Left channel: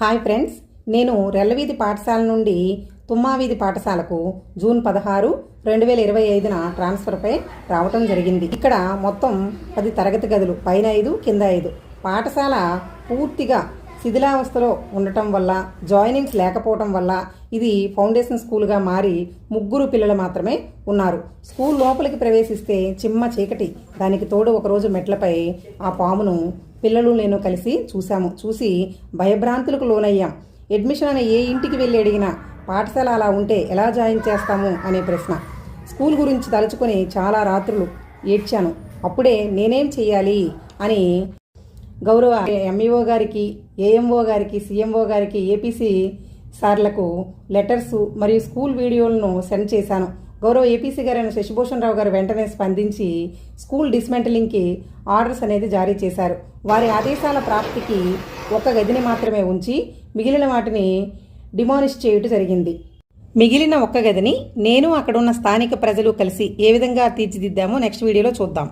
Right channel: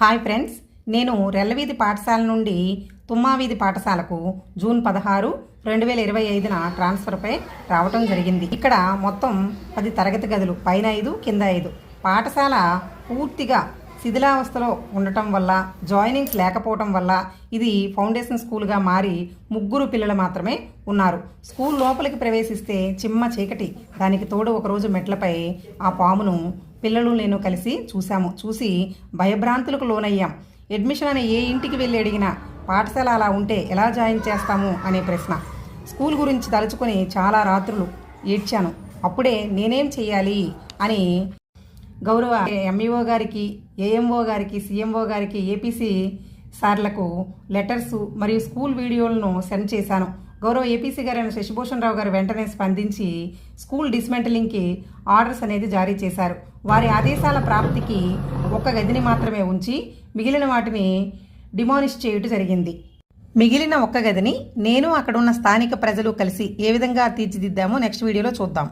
Hi friends నేను రెల్లవీధి పాఠశాల నుండి తుమ్మావీధి పాఠశాలకు జూన్ పదహారు రెండు వేల ఇరవై ఐదున ట్రాన్స్ఫర్పై రావటం జరిగింది. ఇక్కడ మొత్తం పది తరగతి గదులు పైన ఐదు కింద ఐదు. పాఠశాల పూర్తిగా శిథిలావస్థలో ఉండటం వల్ల జాయినింగ్స్ లేకపోవటం వల్ల ఇది ఫౌండేషన్ స్కూల్గా మారి ముగ్గురు పిల్లలు మాత్రమే ఉన్నారు. స్కూల్ లోపలికి ప్రవేశిస్తే చిమ్మ చీకటి. దానికి తోడు ఒకరోజు మెట్లపై ఆ పామును పిల్లలు నేను కలిసి చూశాము. చూసి భయభ్రాంతులకు లోనయ్యాం. అడ్మిషన్ అనే ఏ ఇంటికి వెళ్ళి అడిగినా పాఠశాల అలా ఉంటే ఎలా జాయిన్ చేస్తాము అనే ప్రశ్న. స్కూల్ గురించి తలుచుకొని చాలా రాత్రులు ఏడ్చాను. అప్పుడే నేనేం చేయాలి అని గౌరవ ఎంఈఓ గారికి ఏఎంఓ గారికి సీఎంఓ గారికి ఏపీసీ సార్లకు లెటర్స్ మరియు స్కూల్ వీడియోలను సెండ్ చేశాను. గౌరవ ఏపీసీ గారైన శశిభూషణ్ రావు గారు వెంటనే స్పందించి స్కూల్ డిస్మెంటలింగ్కి ఆర్డర్స్ అనేది జారీ చేశారు. వారి ఆదేశాల ప్రాప్తికి ఒక గదిని మాత్రమే ఉంచి మిగిలిన వాటిని డిమానిష్ చేయుట జరిగింది. మిగిలిన ఒక్క గదిని నేను అక్కడున్న స్థానిక ప్రజలు కలిసి ఏ విధంగా తీర్చిదిద్దామో నెక్స్ట్ వీడియోలో చూద్దాం.